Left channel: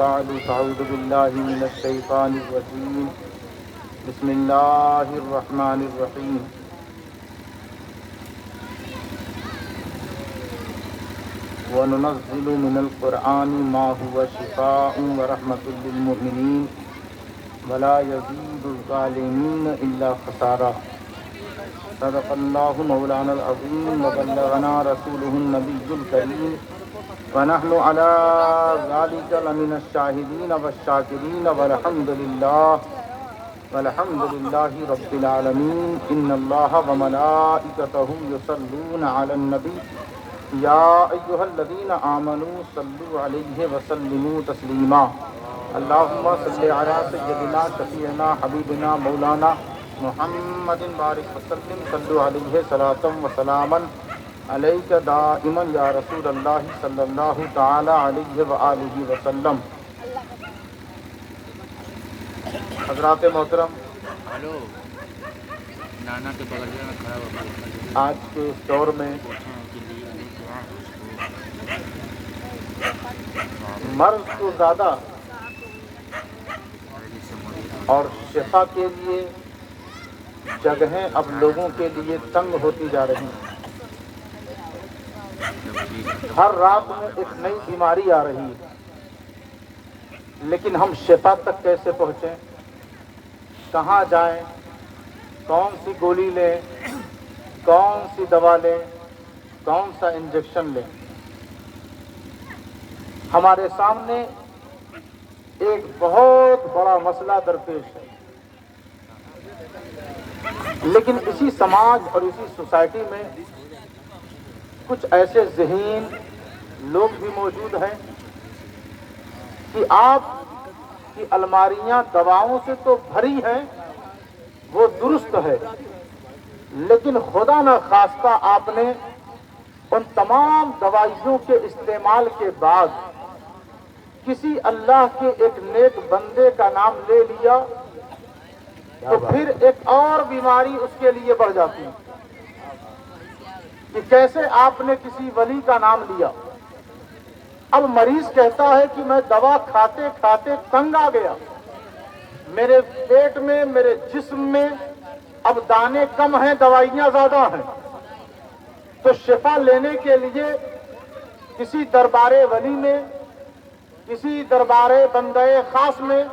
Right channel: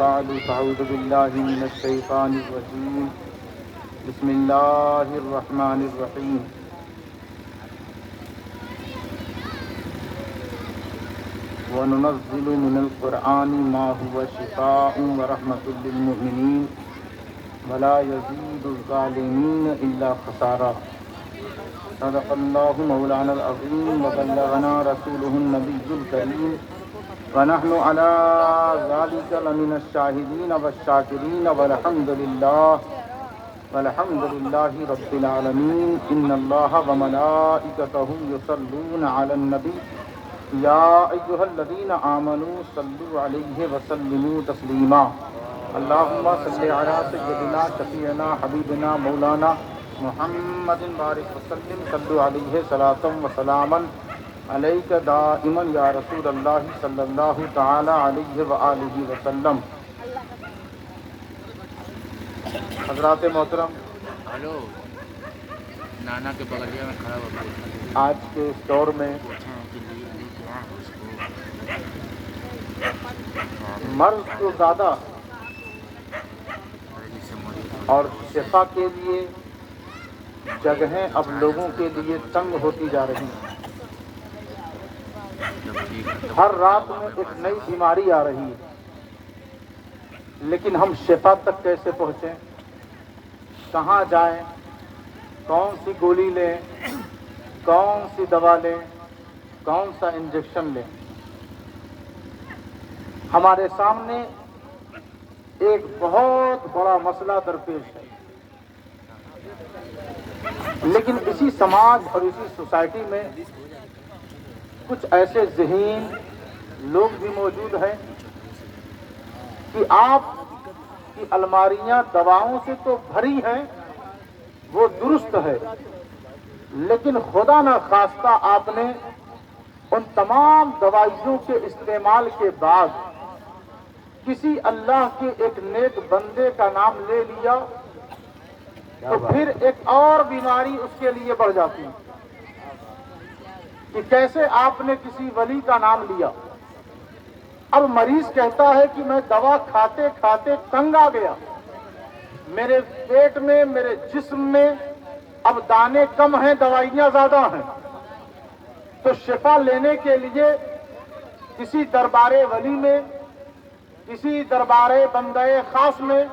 بعد فأعوذ بالله من الشيطان الرجيم بسم الله الرحمن الرحيم وننزل من القرآن ما هو شفاء ورحمة للمؤمنين ولا يزيد الظالمين إلا خسارا صدق الله مولانا العظيم وبلغنا رسوله النبي الكريم ونحن على ذلك لمن الشاهدين والشاكرين والحمد لله رب العالمين إن الله وملائكته يصلون على النبي يا أيها الذين آمنوا صلوا عليه وسلموا تسليما اللهم صل على سيدنا شفيعنا حبيبنا مولانا محمد بارك وسلم صلوا عليه صلاة وسلاما عليك دائما يا رسول الله صلى الله تعالى عليه وآله وسلم. حضرات محترم، ہلو نانا کے بغلیہ میں کھڑا ہوا آج کے اس دور میں مرض تو زیادہ اور شفا کے لیے جگہیں اب لوگوں کے لیے تنگ ہوتی جا رہی ہیں. ہر رات میں ایک نئی بیماری آ رہی ہے، لیکن ہم شفا تک کیسے پہنچیں؟ کہاں جائیں؟ کون سی گولی لیں؟ کون سی دوا لیں؟ کون سا انجیکشن لیں؟ ہمارے سامنے ایک بہت بڑا مسئلہ درپیش ہے، لیکن اسی سماج اور اسی سوسائٹی میں کچھ ایسے ذہین لوگ بھی موجود ہیں کہ آپ کی الماریاں دواؤں سے تو بھری ہیں، وہ درست ہے، لیکن خدا نہ خواستہ آپ نے ان تمام دوائیوں کے استعمال کے بعد کسی اللہ کے ایک نیک بندے کا نام لے لیا تو پھر ایک اور بیماری اس کے لیے بڑھ جاتی ہے کہ کیسے آپ نے کسی ولی کا نام لیا. اب مریض کہتا ہے کہ میں دوا کھاتے کھاتے تنگ آ گیا، میرے پیٹ میں میرے جسم میں اب دانے کم ہیں، دوائیاں زیادہ ہیں، تو شفا لینے کے لیے کسی دربار ولی میں، کسی دربار بندے خاص میں،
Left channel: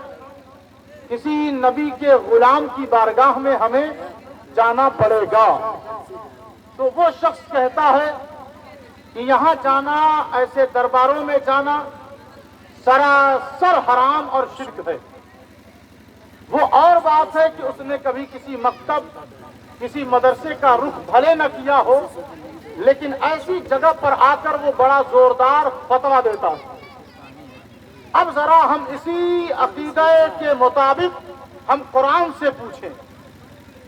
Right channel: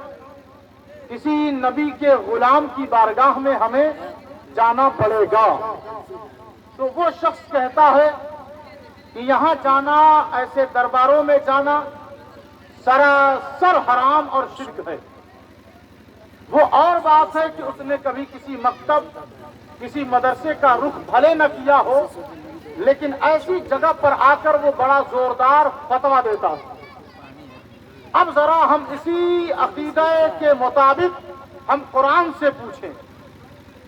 کسی نبی کے غلام کی بارگاہ میں ہمیں جانا پڑے گا. تو وہ شخص کہتا ہے کہ یہاں جانا، ایسے درباروں میں جانا سراسر حرام اور شرک ہے. وہ اور بات ہے کہ اس نے کبھی کسی مکتب، کسی مدرسے کا رخ بھلے نہ کیا ہو، لیکن ایسی جگہ پر آ کر وہ بڑا زوردار فتویٰ دیتا ہے. اب ذرا ہم اسی عقیدے کے مطابق ہم قرآن سے پوچھیں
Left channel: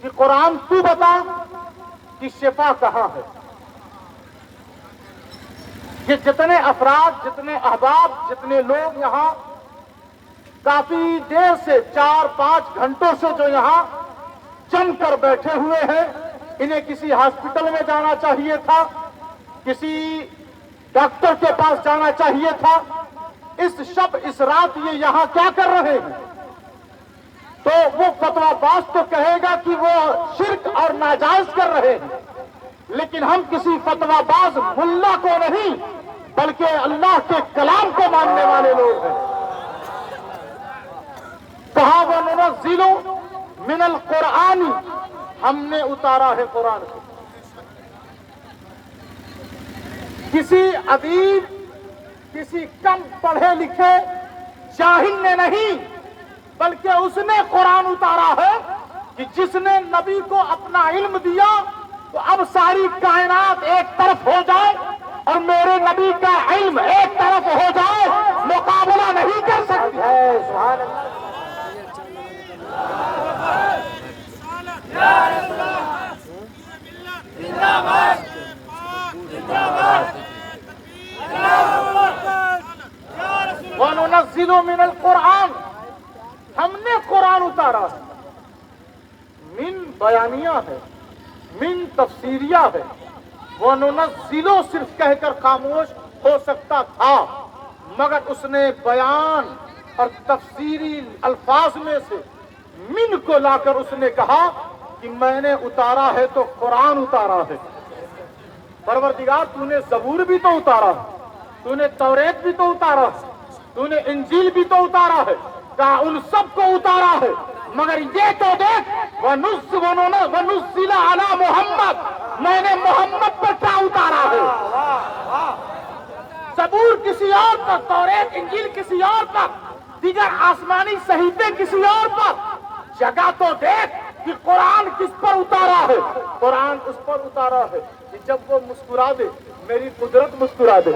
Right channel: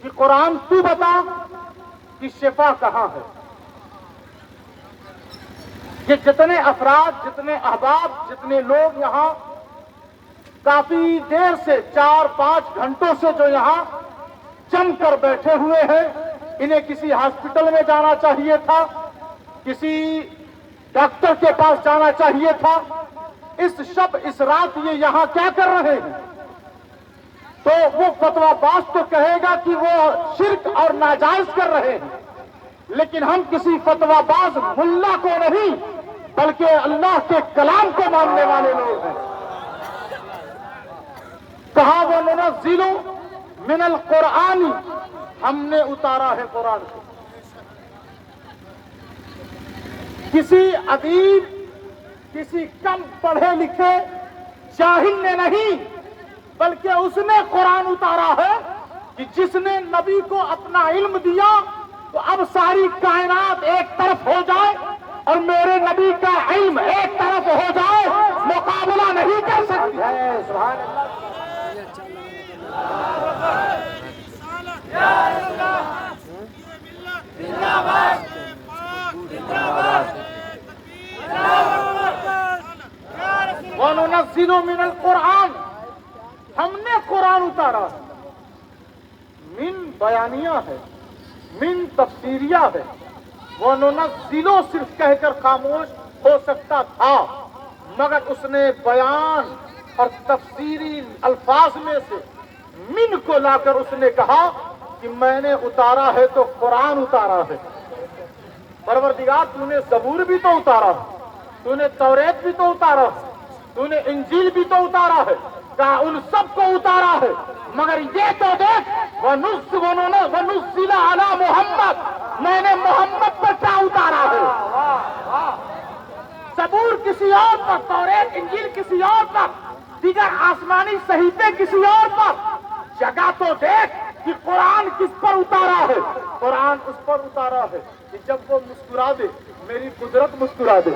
کہ قرآن تو بتا کہ شفا کہاں ہے. یہ جتنے افراد، جتنے احباب، جتنے لوگ یہاں کافی دیر سے 4-5 گھنٹوں سے جو یہاں جم کر بیٹھے ہوئے ہیں، انہیں کسی ہاسپٹل میں جانا چاہیے تھا، کسی ڈاکٹر کے پاس جانا چاہیے تھا. اس شب اس رات یہ یہاں کیا کر رہے ہیں؟ تو وہ فتویٰ باز تو کہے گا کہ وہ شرک اور ناجائز کر رہے ہیں، لیکن ہم کسی فتویٰ باز ملا کو نہیں بلکہ اللہ کے کلام کو ماننے والے لوگ ہیں. کہا وہ ننزل من القرآن، ہم نے اتارا ہے قرآن کو. کسی ادیب، کسی کم پڑھے لکھے جاہل نے نہیں، بلکہ اس نے قرآن اتارا ہے کہ جس نے نبی کو اپنا علم دیا تو اب ساری کائنات ایک طرف ہو جائے اور میرے نبی کا علم ایک طرف ہو جائے، مقابلہ نہیں کر سکتی ہے. سبحان وَنُنَزِّلُ مِنَ الْقُرْآنِ، ہم نے قرآن اتارا ہے. من بیانیہ ہے، من تفسیریہ ہے. وَنُنَزِّلُ صرف کہہ کر خاموش ہو سکتا تھا، مگر اس نے بیان اور تفسیری الفاظ میں سے من کو لا کر اس نے کہا کہ میں نے اتارا ہے تو قرآن اتارا ہے۔ پروردگار تو نے زبور بھی تو اتارا ہے، تو نے توریت بھی تو اتارا ہے، تو نے انجیل بھی تو اتارا ہے، کہا ان سب کو اتارا ہے، مگر یہ تو دیکھ وَنُزِّلَ عَلَى محمد، میں نے محمد پر کیا اتارا ہے۔ زبور کسی اور پر، توریت انجیل کسی اور پر، دیگر آسمانی صحیفے کسی اور پر، جگہ تو دیکھ کہ قرآن کس پر اتارا ہے۔ قرآن اس پر اتارا ہے کہ جب وہ مسکرا دے میری قدرت مسکرا دے،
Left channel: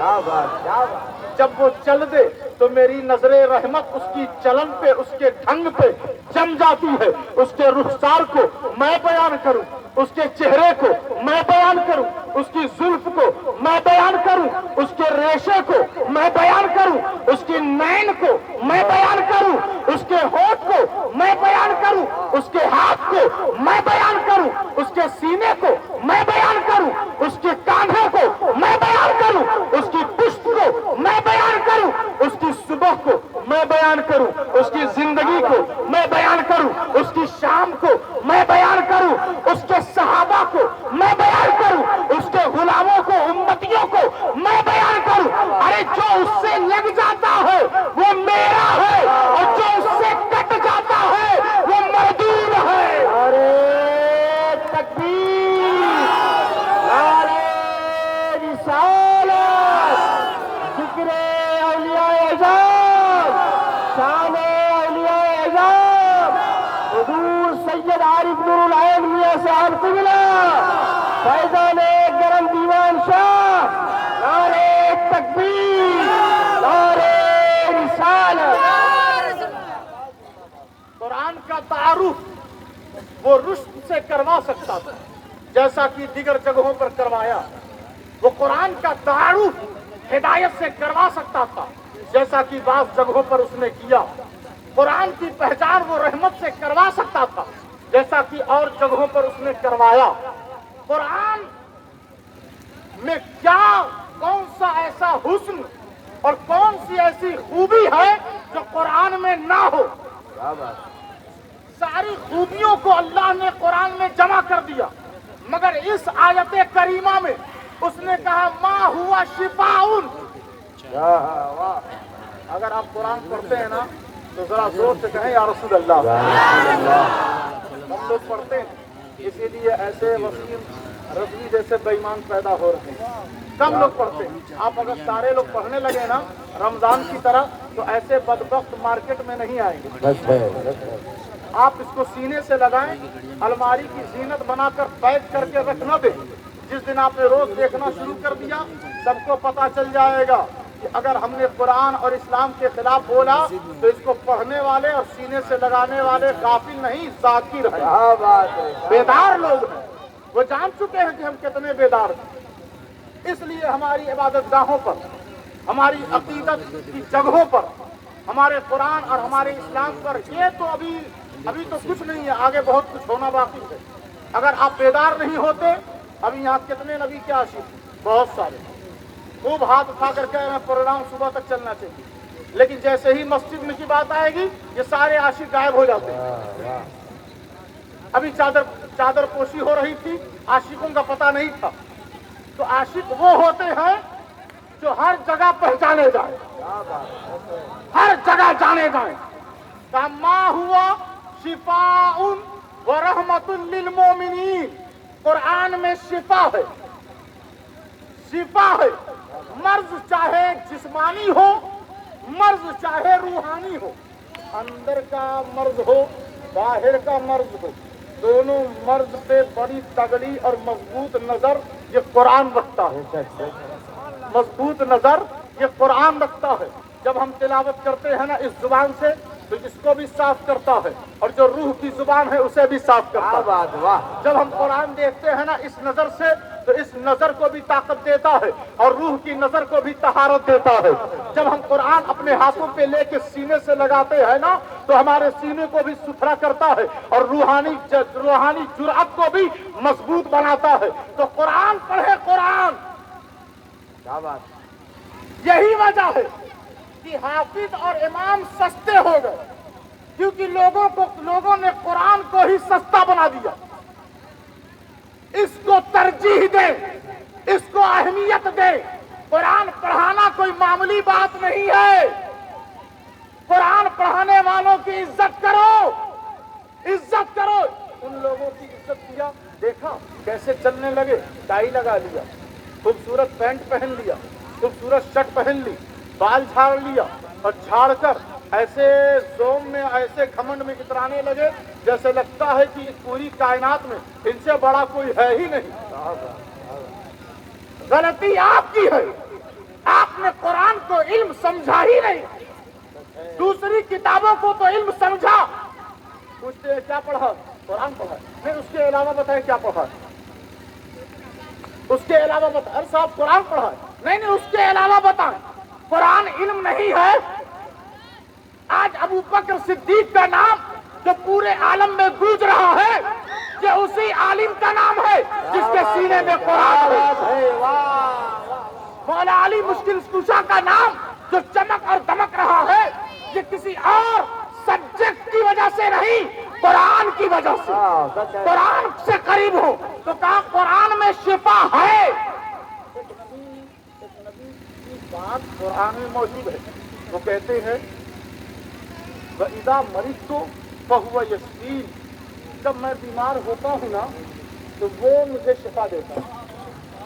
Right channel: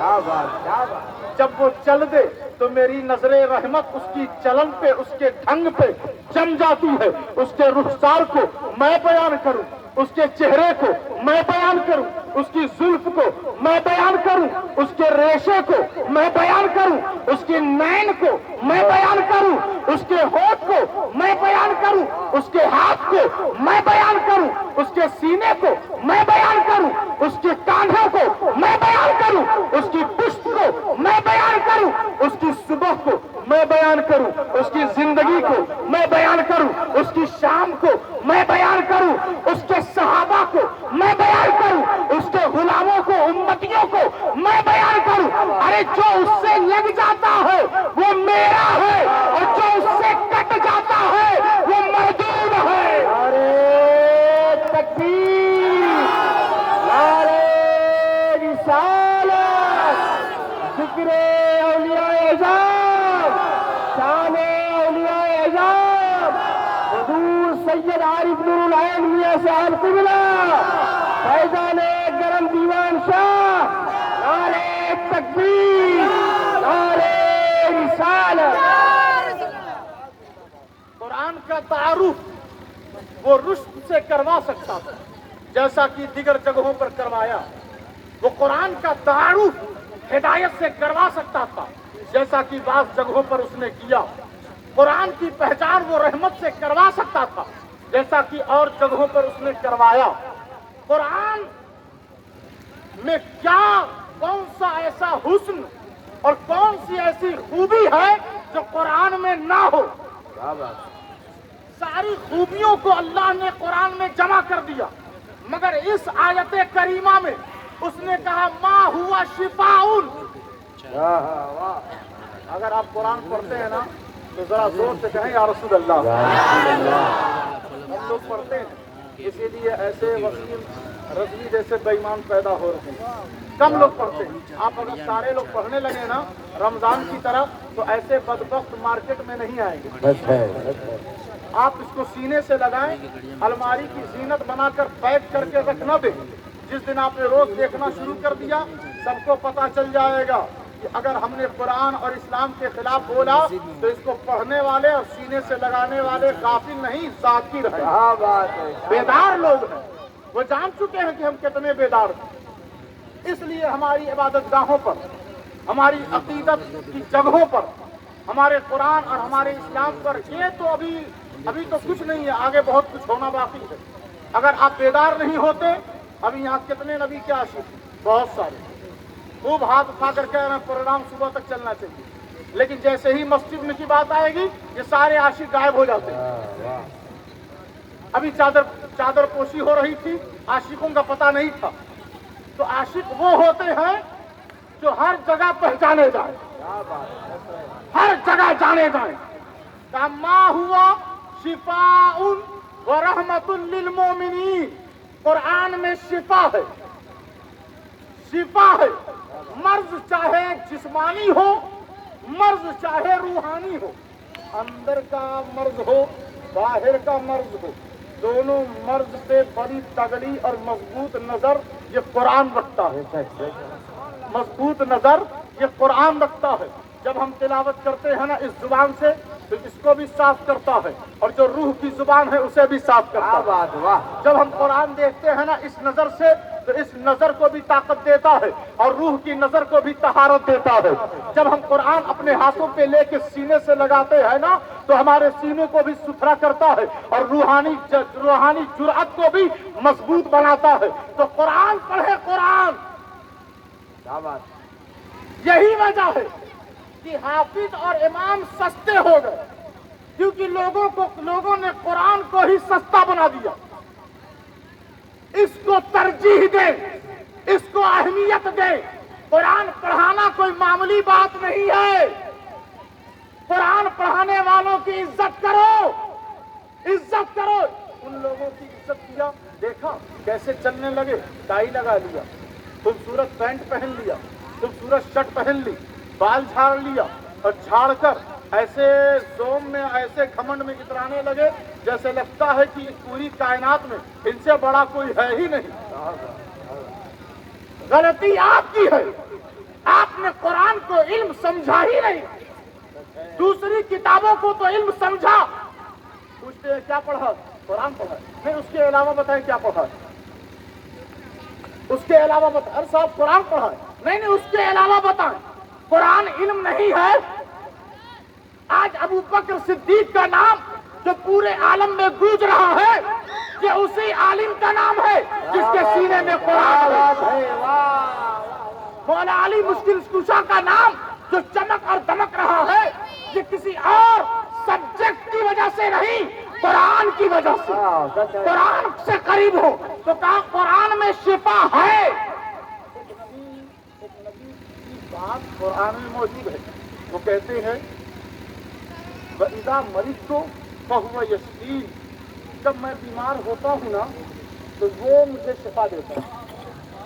جب وہ چل دے تو میری نظر رحمت اس کی چلن پہ، اس کے ڈھنگ پہ جم جاتی ہے، اس کے رخسار کو میں بیان کروں، اس کے چہرے کو میں بیان کروں، اس کی زلف کو میں بیان کروں، اس کے ریشے کو میں بیان کروں، اس کے نین کو میں بیان کروں، اس کے ہونٹ کو میں بیان کروں، اس کے ہاتھ کو میں بیان کروں، اس کے سینے کو میں بیان کروں، اس کے کاندھوں کو میں بیان کروں، اس کی پشت کو میں بیان کروں، اس کی صبح کو میں بیان کروں، اس کی زندگی کو میں بیان کروں، اس کی شام کو میں بیان کروں، اس کے صحابہ کو میں بیان کروں، اس کے غلاموں کو، امتیوں کو میں بیان کروں۔ ارے جو اس سے لگ جاتا ہے وہ میرا ہے، اور جو اس سے کٹ جاتا ہے وہ مردود ہے۔ ارے تکبیر، نعرہ رسالت، ذکر اولیاء اعظام، شان اولیاء اعظام، حضور سید عارف نور العین میاں صاحب قبلہ، فیضان گرم دیوان شاہ، نعرہ تکبیر، نعرہ رسالت۔ قرآن کا تعارف وہ رشد سے کروا سکتا تھا جیسا کہ دیگر جگہوں پر کروایا، وہ قرآن کا تعارف ہدایت سے کروا سکتا تھا جیسا کہ بعض جگہوں پر اس نے کیا، قرآن کی پہچان وہ رحمت سے کروا سکتا تھا جیسا کہ اور جگہوں پر اس نے کروایا۔ قرآن میں کیا، کون سا ایسا حسن اور کون سی ایسی خوبی ہے جو قرآن میں نہ ہو؟ ساری خوبیوں کو اللہ نے قرآن میں جمع کر دیا، مگر اس آیت کریمہ میں اس نے کہا ما ہوا شفاء۔ اگر آپ قرآن پڑھتے ہیں نا تو ذرا زور سے کہیں یا رسول اللہ۔ ہم لوگ پڑھتے ہیں، اسی لیے ایسے وسیم رضوی جیسے بے ایمان پیدا ہو رہے ہیں، کم لوگ پڑھتے ہیں۔ آپ اگر سارے لوگ پڑھنے لگے نا رمضان کی طرح تو ایسے بدبخت مارکیٹ میں نہیں آئیں گے۔ آپ اس کو سینے سے لگائیں، الماری کی زینت بنا کر پیک کر کے رکھ نہ دیں۔ جس دن آپ نے روز دیکھنا شروع کر دیا سب کو پتا چل جائے گا کہ اگر ہم نے قرآن اور اسلام کے خلاف بولا تو اس کو پڑھنے والے اور سینے سے لگانے والے غافل نہیں، ذاکر ہیں، بیدار لوگ ہیں، وہ جان چکے ہیں کہ ہم کتنے بیدار ہیں۔ اس لیے ہماری عبادت گاہوں پر، ہماری عقیدت کی جگہوں پر، ہمارے قرآن اور ہمارے اسلام پر یہ تو ابھی تو کچھ نہیں ہے، آگے بہت کچھ ہونا باقی ہے۔ اگر آپ بیدار نہیں ہوتے، ابھی یہاں کتنے نبی کے عاشق، بہت سارے خوب ہاتھ اٹھا کر کہہ رہے ہیں پروگرام صبح تک چلنا چاہیے، لیکن جیسے ہی مسجد میں کی بات آئے گی یہ سارے عاشق غائب ہو جاتے ہیں۔ ابھی چادر پوشی ہو رہی تھی، عاشقوں کا پتہ نہیں تھا، تو عاشق وہ ہوتے ہیں جو ہر جگہ پہچانے جائیں، ہر جگہ جانے جائیں۔ ما ہوا شفاء و رحمت للمومنین، قرآن میں شفا ہے، شفا ہے، مرض چاہے جسمانی ہو، مرض چاہے روحانی ہو، اندر کا مرض ہو باہر کا مرض ہو، دونوں مرض پہ بڑی تگڑی اور مضبوط نظر یہ قرآن رکھتا ہے، مضبوط نظر یہ قرآن رکھتا ہے۔ جب ہم تلاوت کرتے ہیں نا اس زبان سے تو اس کو بھی صاف کرتا ہے، اور جو روح کی زبان ہے اسے بھی صاف کرتا ہے۔ جب ہم قرآن دیکھتے ہیں نا اس نظر سے تو اس نظر کو بھی طاقت دیتا ہے اور روح کی نظر کو بھی طہارت دیتا ہے۔ جب ہم قرآن اپنے ہاتھوں پہ لے کے سینے سے لگاتے ہیں نا تو ہمارے سینے کو بھی ستھرا کرتا ہے اور روحانی جرأت کو بھی مضبوط بناتا ہے۔ تو قرآن پڑھے، قرآن، یہی وجہ ہے کہ حافظ اور امام سستے ہو گئے، کیونکہ لوگوں نے قرآن کو ہی سستا بنا دیا۔ اس کو ترجیح دے، اس کو اہمیت دے۔ قرآن پڑھانا کوئی معمولی بات نہیں ہے۔ قرآن پڑھانے والوں کی عزت کرو، عزت کرو۔ ان لوگوں کی عزت کیا، دیکھا کیسے چلنے لگے، ٹائی لگا لیا، خوبصورت پینٹ پہن لیا، خوبصورت شرٹ پہن لی، بال جھاڑ لیا، اور جھاڑ کر ایسے زوم میں، ایسے گھمنڈ میں اترانے لگے جیسے لگتا ہے کہ اس پوری کائنات میں ان سے بڑا کوئی ہے ہی نہیں۔ غلطی آپ کی ہے، آپ نے قرآن کو علم سمجھا ہی نہیں، دوسری کتابوں کو تو علم سمجھا۔ پوچھتے ہیں کیا پڑھا؟ قرآن پڑھا؟ نہیں، اس کے علاوہ بتائیں کیا پڑھا؟ اس کے علاوہ بتائیں۔ ارے صاحب قرآن پڑھا ہے؟ نہیں، اس کے علاوہ بتائیں۔ قرآن علم نہیں ہے؟ آج ابو بکر صدیق کا نام جو پورے عالم میں گونج رہا ہے، یہ اسی عالم کا نام ہے جس کے سینے میں قرآن ہے۔ مولا علی مشکل کشا کا نام جو چمک اور دمک رہا ہے، یہ کسی اور سبجیکٹ کی وجہ سے نہیں، قرآن کی وجہ سے۔ قرآن سے قریب ہو تو کہا قرآن میں شفا ہے۔ ایک نبی کی بات قرآن میں موجود ہے، وہ کہتے ہیں وَإِذَا مَرِضْتُ فَهُوَ يَشْفِينِ، جب میں بیمار ہوتا ہوں نا تو وہ مجھے شفا دیتا ہے۔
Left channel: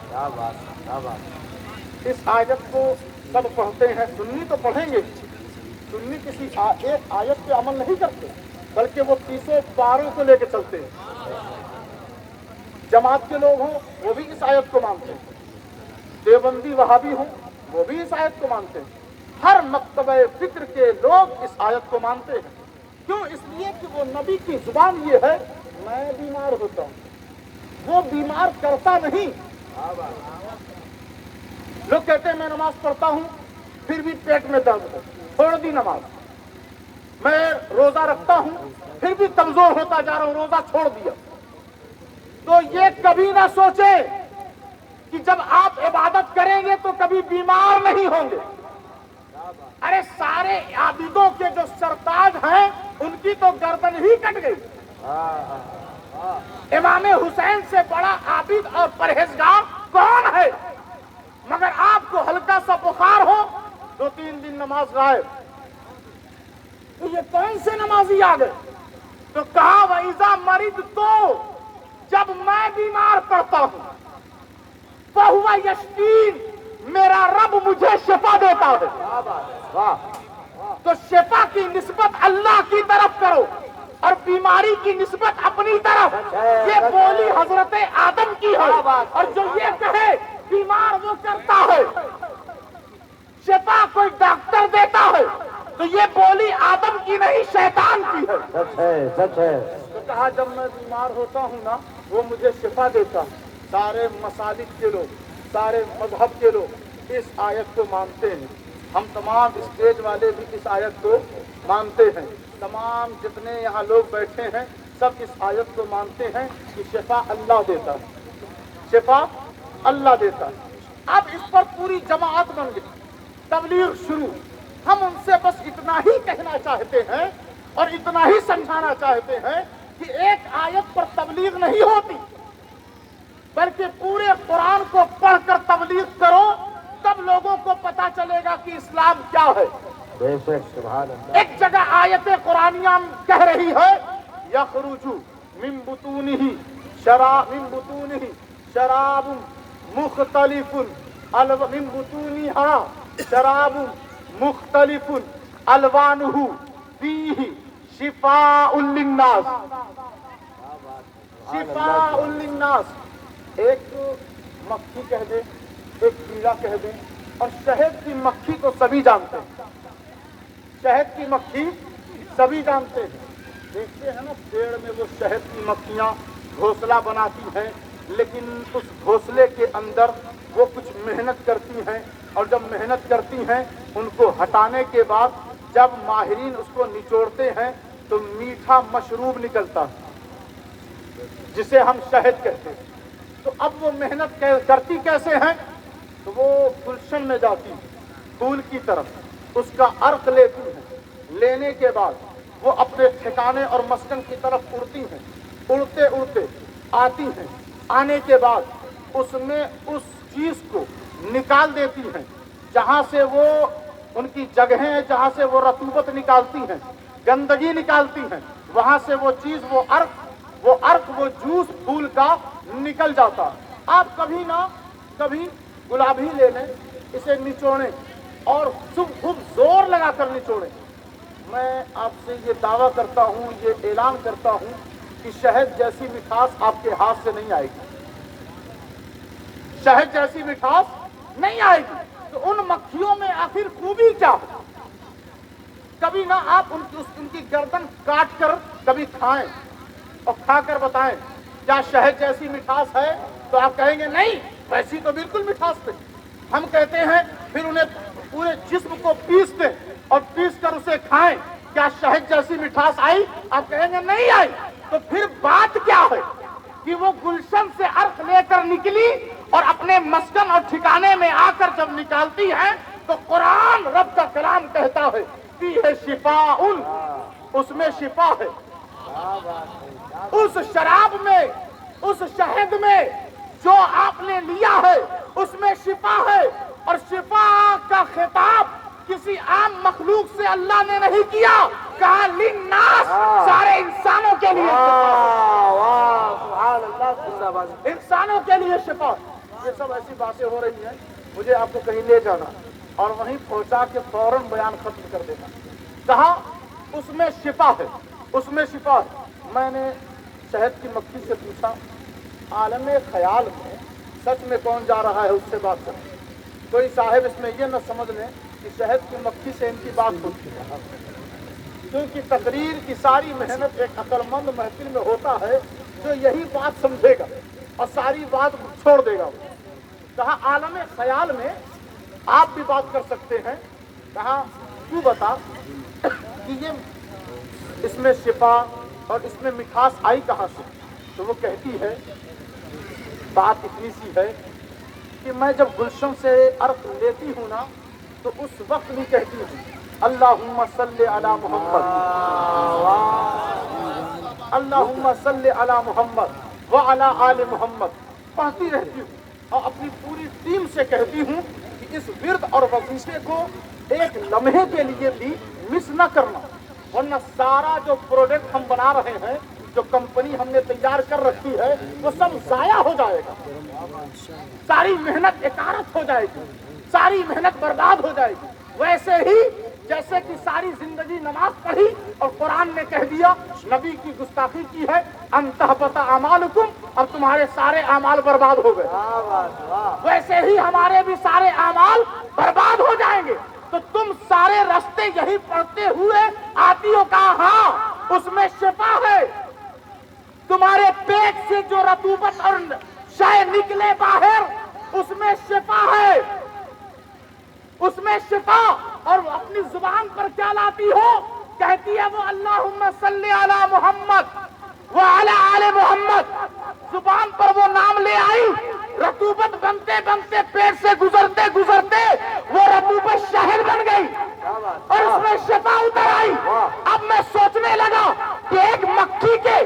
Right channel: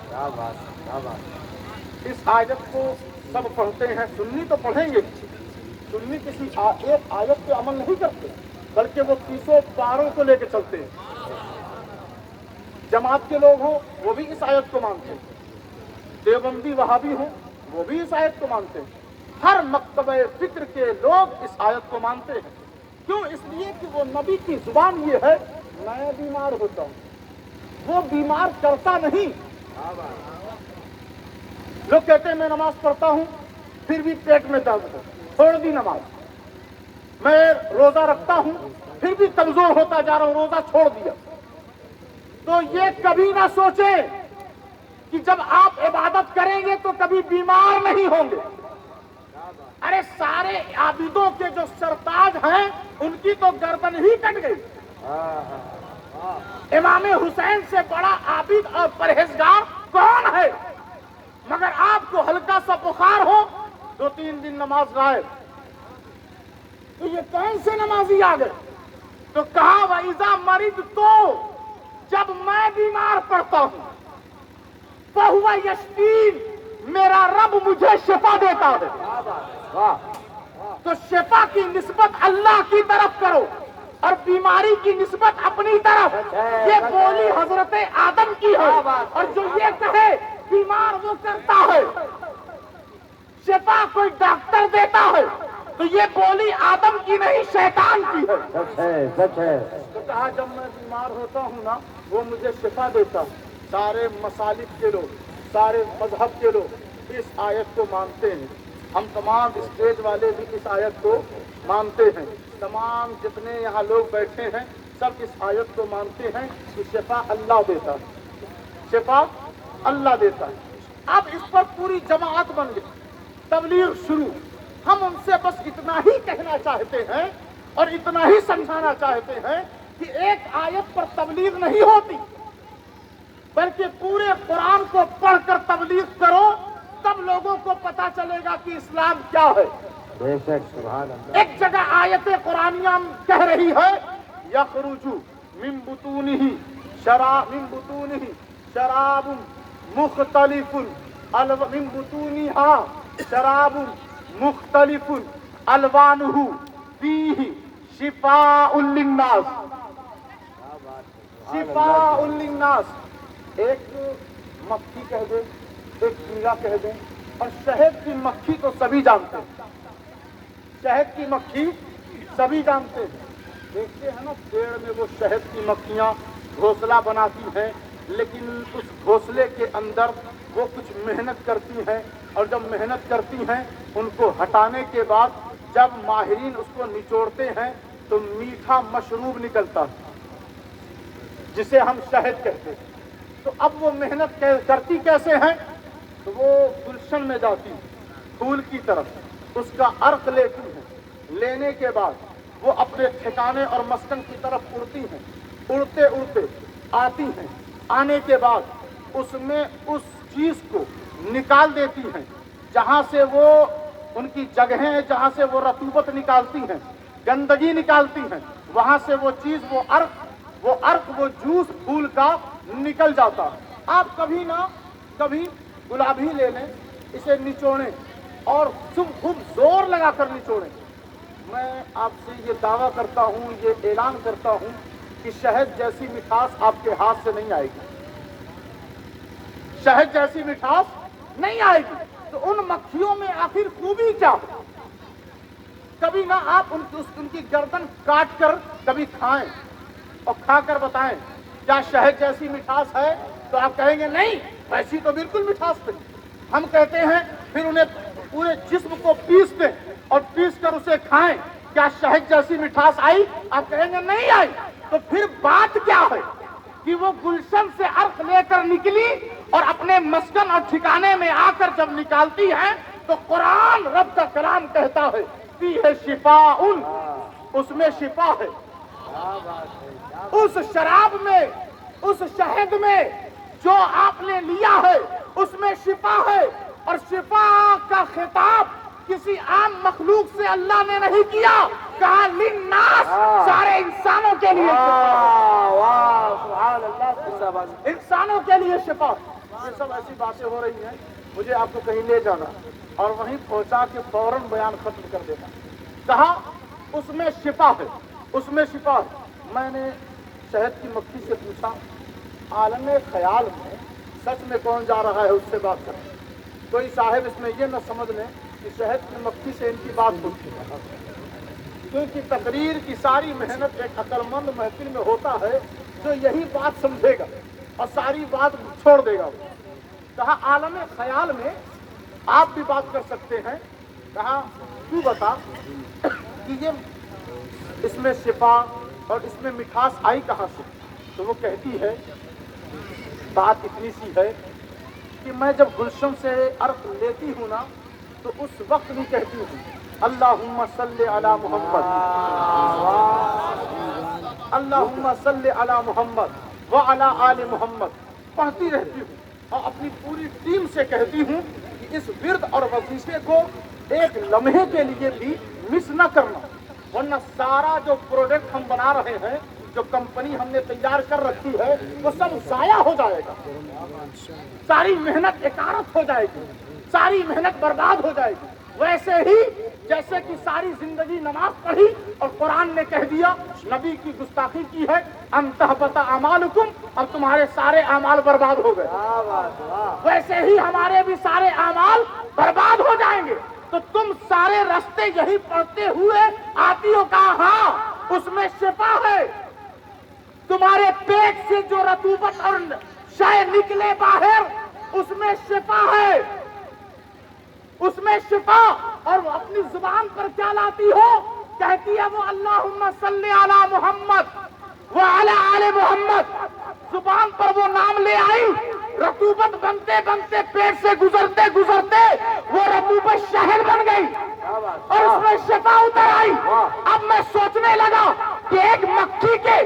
کیا بات، کیا بات۔ اس آیت کو سب پڑھتے ہیں، سنی تو پڑھیں گے، سنی کسی ایک آیت پہ عمل نہیں کرتے، بلکہ وہ 30 پاروں کو لے کے چلتے ہیں۔ جماعت کے لوگ ہوں وہ بھی اس آیت کو مانتے ہیں، دیوبندی وہابی ہوں وہ بھی اس آیت کو مانتے ہیں، ہر مکتبہ فکر کے لوگ اس آیت کو مانتے ہیں۔ کیوں؟ اس لیے کہ وہ نبی کی زبان یہ ہے، میں بیمار ہوتا ہوں، وہ بیمار کرتا نہیں۔ لوگ کہتے ہیں میں نماز پڑھتا ہوں پھر بھی پیٹ میں درد ہے، چھوڑ دی نماز۔ میں روزہ رکھتا ہوں پھر بھی کمزور ہوتا جا رہا ہوں، روزہ چھوڑ دیا۔ تو یہ کبھی نہ سوچیں کہ جب آپ عبادت کریں گے تو کبھی بیمار نہیں ہوں گے۔ ارے سارے عابدوں کے جو سرتاج ہیں ان کی تو گردن ہی کٹ گئی۔ امام حسین سے بڑا عابد اور پرہیزگار کون ہے؟ مگر آپ کو ہلکا سا بخار ہو 2-3 دن نماز غائب، تو یہ کون سے نمازی آ گئے؟ تو کہا وَإِذَا مَرِضْتُ، جب میں بیمار پڑتا ہوں، فَهُوَ يَشْفِينِ، میرا رب مجھے شفا دیتا ہے۔ تو شفا کی نسبت اللہ کی طرف کرو اور بیماری کی نسبت اپنی طرف۔ یہ بولی حضرت آدم کی ہے، اور جو یہ کہے بیمار وہ کرتا ہے، شفا کوئی ڈاکٹر دیتا ہے، تو یہ بولی آدم کی نہیں شیطان کی ہے۔ سچ ہے، سچ ہے۔ تو کہا جب میں بیمار ہوتا ہوں نا وہ مجھے شفا دیتا ہے۔ سارے مسالک کے لوگ، سارے مذہب کے لوگ اس آیت کو مانتے ہیں۔ ہم تمام اسٹیج والے بھی اس آیت کو مانتے ہیں، تمام جتنے یہاں لوگ بیٹھے ہیں سب اس آیت کو مانتے ہیں کہ شفا اللہ دیتا ہے، شفا اللہ دیتا ہے۔ اب اس پر پوری جماعت بن گئی، تبلیغ شروع۔ ہم ان سے بس اتنا ہی کہنا چاہتے ہیں اور اتنا ہی سمجھانا چاہتے ہیں کہ ایک آیت پر تبلیغ نہیں ہوتی، بلکہ پورے قرآن کو پڑھ کر تبلیغ کرو، تب لوگوں کو پتا چلے گا کہ اسلام کیا ہے۔ بے شک، سبحان اللہ۔ ایک جگہ آیت قرآنیہ کہہ رہی ہے یخرج من بطونہ شراب مختلف من بطونها شراب مختلف الوانہ فیہ شفاء للناس، شفاء للناس۔ ایک مکھی کہہ دیں، ایک کیڑا کہہ دیں، اور شہد کی مکھی تو سبھی جانتے ہیں، شہد کی مکھی سبھی جانتے ہیں۔ دیکھتے ہیں نا پیڑ میں وہ شہد کی مکھیاں گھونسلہ بناتی ہیں، لیکن اس گھونسلے کے اندر وہ کچھ محنت کرتی ہیں، اور جب محنت کرتی ہیں ان کو ہٹانے کے بعد جب ماہرین اس کو نچوڑتے ہیں تو میٹھا مشروب نکلتا ہے جسے ہم شہد کہتے ہیں۔ تو اب وہ محنت کرتی کیسے ہیں؟ تو وہ گلشن میں جاتی پھول کی طرف، اس کا عرق لیتی ہیں، لینے کے بعد وہ اپنے ٹھکانے اور مسکن کی طرف اڑتی ہیں، اڑتے اڑتے آتی ہیں، آنے کے بعد اس میں اس چیز کو نکال دیتی ہیں جہاں سے وہ ان کی جگہیں، جہاں سے وہ رطوبت نکالتی ہیں، گندگی نکالتی ہیں، وہاں سے وہ چیز، وہ عرق وہ جوس پھول کا نکل جاتا ہے۔ آپ کبھی نہ کبھی گلاب ہی لے لیں، اسے نچوڑیں اور خوب زور لگا کر نچوڑیں۔ میں آپ سے یہ دعویٰ کرتا ہوں، یہ اعلان کرتا ہوں کہ شہد جیسی مٹھاس آپ کے ہاتھ سے نہیں آئے گی، شہد جیسی مٹھاس نہیں آئے گی۔ تو ان مکھیوں میں آخر خوبی کیا ہو؟ کبھی نہ آپ ان کی گردن کاٹ کر کبھی کھائیں اور کھا کر بتائیں کیا شہد جیسی مٹھاس ہے؟ تو آپ کہیں گے نہیں، ویسی تو بالکل مٹھاس نہیں۔ ہم کہتے ہیں پھر انہیں پورے جسم کو پیس دیں اور پیس کر اسے کھائیں، کیا شہد جیسی مٹھاس آئی؟ آپ کہیں گے نہیں آئی۔ تو پھر بات کیا ہے کہ وہ گلشن سے عرق لے کر نکلی اور اپنے مسکن اور ٹھکانے میں آ کر جب نکالتی ہے تو قرآن رب کا کلام کہتا ہے کہ ہے شفاء، اس میں شفا ہے، اس شراب میں، اس شہد میں جو آپ نے لیا ہے اس میں شفا ہے۔ اور شفا کا خطاب کسی عام مخلوق سے اللہ نے نہیں کیا، کہا للناس، سارے انسانوں کے لیے انسانوں کے لیے شفا۔ یہ سب ایسی باتیں ہو رہی ہیں، مجھے آپ کو کہیں لے جانا اور وہیں پہنچا کے فوراً بیان ختم کر دینا۔ کہا اس میں شفا ہے، اس میں شفا ہے۔ میں نے شہد کی مکھی سے پوچھا، عالم خیال میں سچ میں کون جا رہا ہے اس سے بات کریں؟ کوئی صاحب اس میں یہ نہ سمجھ لیں کہ شہد کی مکھی سے ان کی بات ہوتی ہے، کیونکہ تقریر کی ساری محنت ایک عقل مند محفل میں ہوتا ہے جو یہی بات سمجھے گا اور ساری بات چھوڑ دے گا۔ کہا عالم خیال میں آپ بھی بات کر سکتے ہیں۔ کہا تو بتا کہ یہ اس میں شفا اور اس میں مٹھاس آئی کہاں سے؟ تو وہ کہتی ہے بات اتنی سی ہے کہ میں جب گلشن سے عرق لیتی ہوں نا تو اس وقت بھی کہتی ہوں اللہم صلی علی محمد، اللہم صلی علی محمد وعلی آل محمد، پڑھتی رہتی ہوں اور اپنی پوری ٹیم سے کہتی ہوں کہ اس ورد اور وظیفے کو ایک لمحے کے لیے بھی مس نہ کرنا، ورنہ سارا جو پروڈکٹ ہم بنا رہے ہیں، جو کمپنی ہم نے تیار کر رکھی ہے، وہ سب ضائع ہو جائے گا، ساری محنت اکارت ہو جائے گی، ساری محنت برباد ہو جائے گی۔ ویسے ہی جیسے کہ ساری زندگی نماز پڑھی اور قرآن نے کہہ دیا، نبی کی گستاخی کی ہے، ان تحبط اعمالکم، اب تمہارے سارے اعمال برباد ہو گئے، ویسے ہی ہمارے بھی سارے اعمال برباد ہو جائیں گے۔ تو تم سارے راستے یہی پڑھتے ہوئے آتی ہو، کہا ہاں اس میں شفا ہے، تمہارے پیٹ سے جو رطوبت اور شے نکلے باہر اس میں شفا ہے، اس میں شفا۔ اور وہ اپنی زبان پر کیا لاتی ہو؟ کہتی ہے وہ اللہم صلی علی محمد وعلی آل محمد، زبان پر وہ نام لے آئی، رطوبت بنتے بنتے پیٹ سے گزرتے گزرتے وہ رطوبت شہد بن گئی اور اس میں شفا اتر آئی۔ اب میں سوچنے لگا کہ ایک مکھی کے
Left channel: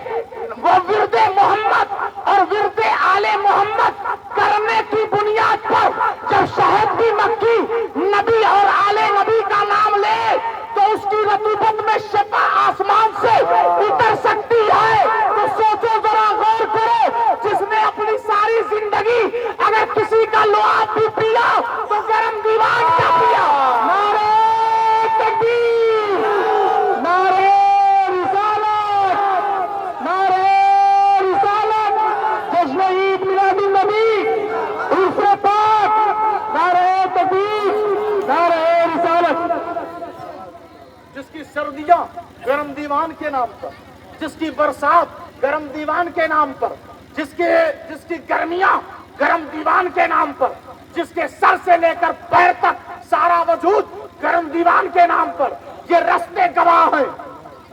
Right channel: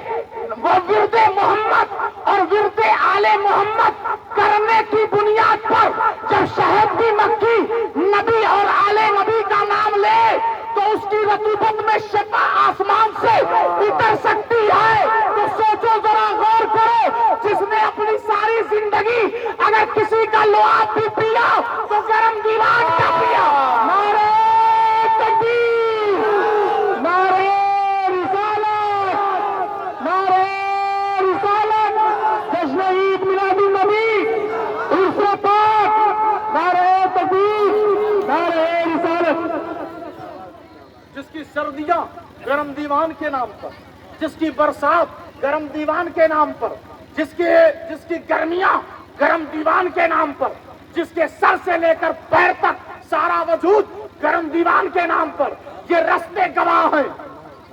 وہ ورد محمد اور ورد آل محمد کرنے کی بنیاد پر جب شہد کی مکھی نبی اور آل نبی کا نام لے تو اس کی رطوبت میں شفا آسمان سے اتر سکتی ہے، تو سوچو ذرا، غور کرو، جس نے اپنی ساری زندگی اگر کسی کا لعاب بھی پیا تو گرم دیوان کا پیا۔ نعرہ تکبیر، نعرہ رسالت، نعرہ رسالت، جشن عید میلاد النبی، عرس پاک، نعرہ تکبیر، نعرہ رسالت۔ جس کی سردیاں گرم دیوان کے نام پر، جس کی برسات گرم دیوان کے نام پر، جس کی گرمیاں گرم دیوان کے نام پر، جس کے سر سے لے کر پیر تک سارا وجود گرم دیوان کے نام پر، یہ رستے گواہ ہیں۔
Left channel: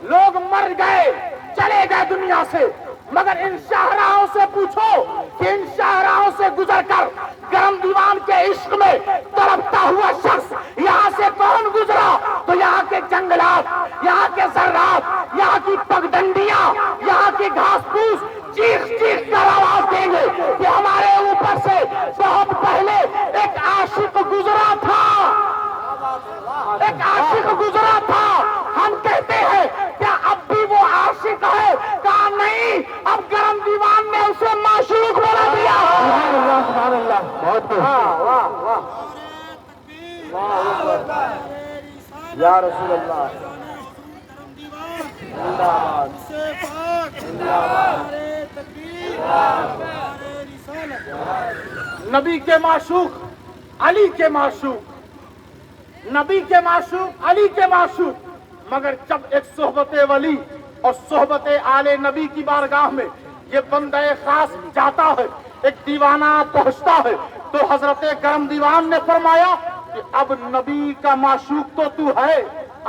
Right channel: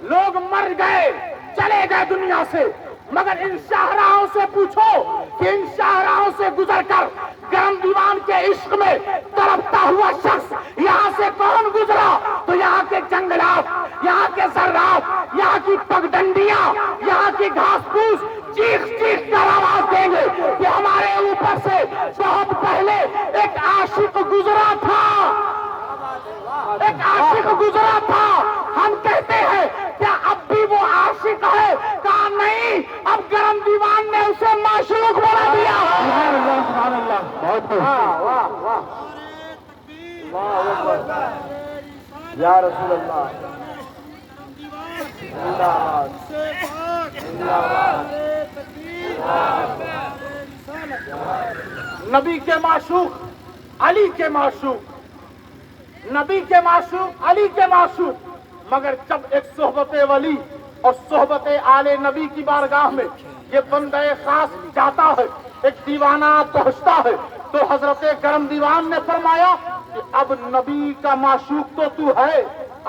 لوگ مر گئے، چلے گئے دنیا سے، مگر ان شاہراہوں سے پوچھو کہ ان شاہراہوں سے گزر کر گرم دیوان کے عشق میں تڑپتا ہوا شخص یہاں سے کون گزرا؟ تو یہاں کے جنگلات، یہاں کے ذرات، یہاں کی پگڈنڈیاں، یہاں کی گھاس پھوس چیخ چیخ کر آواز دیں گے کہ ہمارے اوپر سے بہت پہلے ایک عاشق گزرا تھا، ایک عاشق گزرا تھا۔ ہم کہتے ہیں کیا اب بھی وہ عاشق ہے؟ کہا نہیں، اب گرم دیوان نے اسے معشوق بنا دیا۔ سبحان اللہ، بہت یا رسول اللہ، نبی کے معشوق، علی کے معشوق، نبی کے معشوق، علی کے معشوق، مگر جب ایک صحبت ولی اور صحبت آل نبی کی بارگاہ میں یہ بندہ خاص جاتا ہے، ایک دیوانہ پہنچتا ہے، تو حضرت گرم دیوان نے فرمایا کہ اب نبی کا معشوق تو ہے،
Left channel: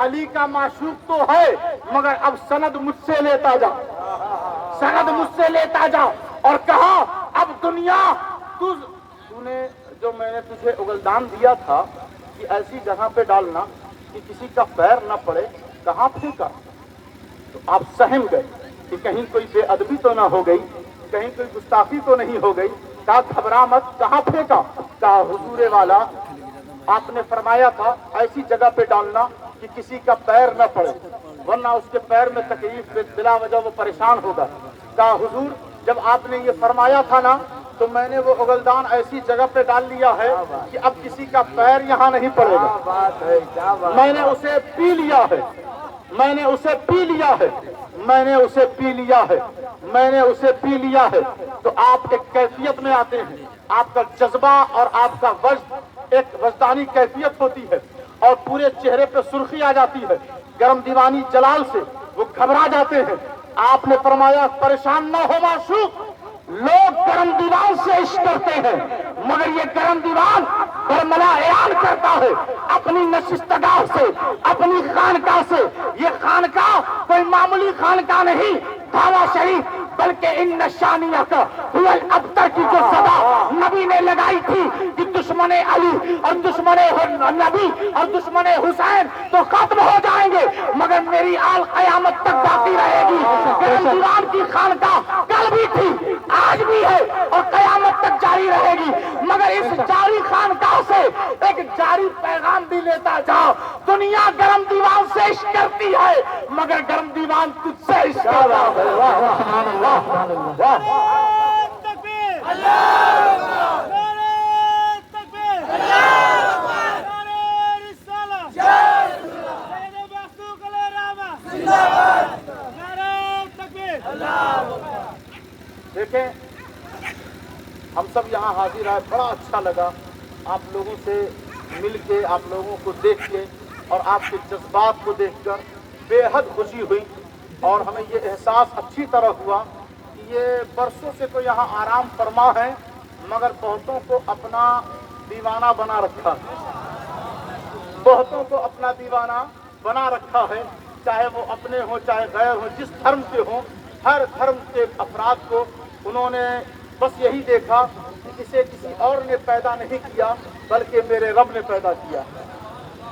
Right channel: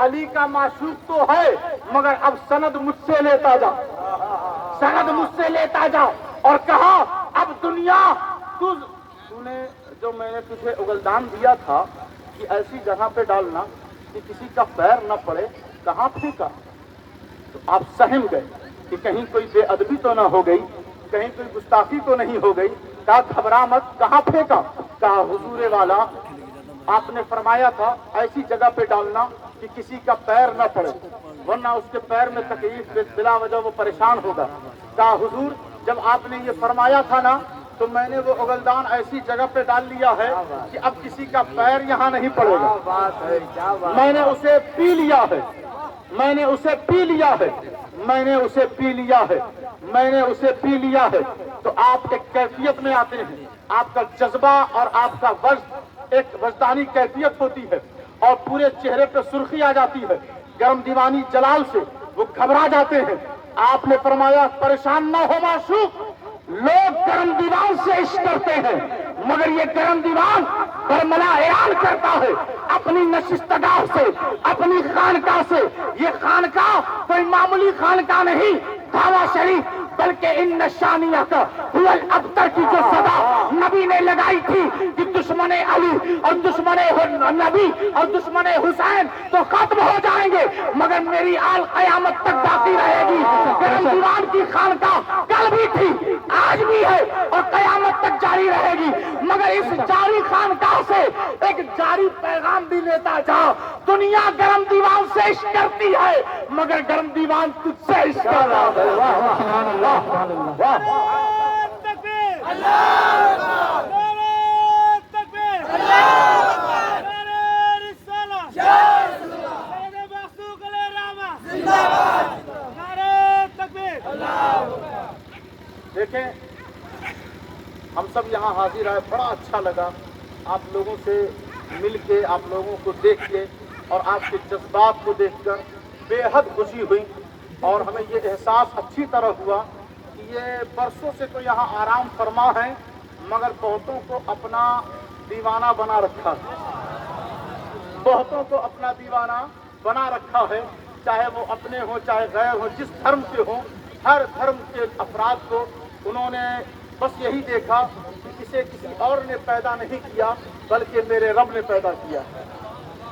علی کا معشوق تو ہے، مگر اب سند مجھ سے لیتا جا، سند مجھ سے لیتا جا۔ اور کہا اب دنیا تو نے جو میں نے تجھے اگلدان دیا تھا کہ ایسی جگہ پہ ڈالنا کہ کسی کا پیر نہ پڑے، کہاں پھینکا؟ تو آپ سہم گئے کہ کہیں کوئی بے ادبی تو نہ ہو گئی، کہیں کوئی گستاخی تو نہیں ہو گئی۔ کہا گھبرا مت، کہاں پھینکا؟ کہا حضور والا آپ نے فرمایا تھا ایسی جگہ پہ ڈالنا کہ کسی کا پیر نہ پڑے، ورنہ اس کے پیر میں تکلیف بلا وجہ وہ پریشان ہوگا۔ کہا حضور جب آپ نے یہ فرمایا تھا نا تو میں نے وہ اگلدان ایسی جگہ پہ ڈال لیا ہے کہ اب کسی کا پیر یہاں نہیں پڑے گا۔ میں نے اسے پی لیا ہے، میں نے اسے پی لیا ہے، میں نے اسے پی لیا ہے، میں نے اسے پی لیا ہے۔ تو آپ ایک کیفیت میں آتے ہیں، آپ کا جذبہ اور آپ کا وجد ایک وجدانی کیفیت ہوتی ہے اور پورے چہرے پہ سرخی آ جاتی ہے۔ گرم دیوانی جلال سے وہ گھبرا جاتے ہیں۔ آپ نے فرمایا پریشان نہ ہو معشوق، لوگ گرم دیوان سے عشق کرتے ہیں، مگر یہ گرم دیوان برملا اعلان کرتا ہے اپنی نشستگاہ سے، اپنی خانقاہ سے۔ یہ خانقاہ کوئی معمولی خانقاہ نہیں، دھاوا شریف، بلکہ ان نشانیت ہوئے ابتر کی جو صدا نبی نے لگائی تھی کہ دشمن علی اور دشمن نبی اور دشمن حسین تو ختم ہو جائیں گے، مگر میری آل قیامت تک باقی رہے گی۔ گرم دیوان کی خانقاہ کل بھی تھی، آج بھی ہے اور قیامت تک جاری رہے گی، مگر اس جاری خانقاہ سے ایک جاری پیغام بھی لیتا جا۔ دنیا گرم دیوان سے عشق کرتی ہے، مگر گرم دیوان تجھ سے عشق کرتا ہے۔ سبحان اللہ، سبحان اللہ۔ دیکھیں ہم سب یہاں حاضر آئے، بڑا اچھا لگا آپ لوگوں سے مل کے، آپ لوگوں کو دیکھ کے اور آپ کے جذبات کو دیکھ کر بے حد خوشی ہوئی، اور ہمیں یہ احساس اچھی طرح ہوا کہ یہ برسوں سے تو یہاں آرام فرما ہے، مگر بہتوں کو اپنا دیوانہ بنا رکھا ہے، بہتوں کو اپنا دیوانہ بنا رکھا ہے، چاہے وہ اپنے ہوں چاہے غیر ہوں، جس دھرم کے ہوں، ہر دھرم کے افراد کو انہوں نے بس یہی دیکھا کہ اسے کسی اور نے پیدا نہیں کیا بلکہ میرے رب نے پیدا کیا۔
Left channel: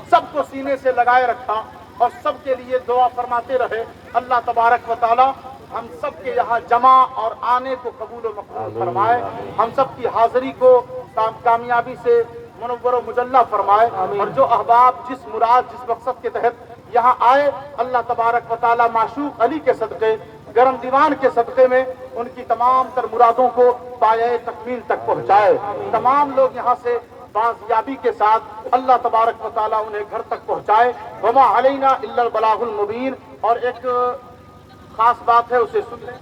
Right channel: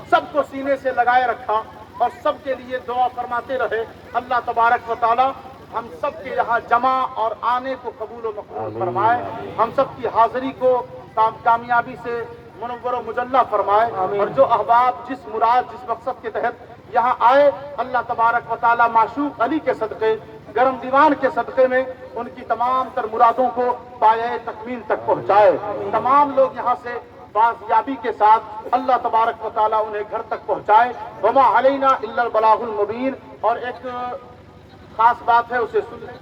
سب کو سینے سے لگائے رکھا اور سب کے لیے دعا فرماتے رہے۔ اللہ تبارک و تعالی ہم سب کے یہاں جمع اور آنے کو قبول و مقبول فرمائے، ہم سب کی حاضری کو کامیابی سے منور و مجلہ فرمائے، اور جو احباب جس مراد جس مقصد کے تحت یہاں آئے، اللہ تبارک و تعالی معشوق علی کے صدقے، گرم دیوان کے صدقے میں ان کی تمام تر مرادوں کو پایۂ تکمیل تک پہنچائے۔ تمام لوگ یہاں سے بازیابی کے ساتھ اللہ تبارک و تعالی انہیں گھر تک پہنچائے۔ وما علینا الا البلاغ المبین۔ اور ایک خاص بات ہے، اسے سن لیں۔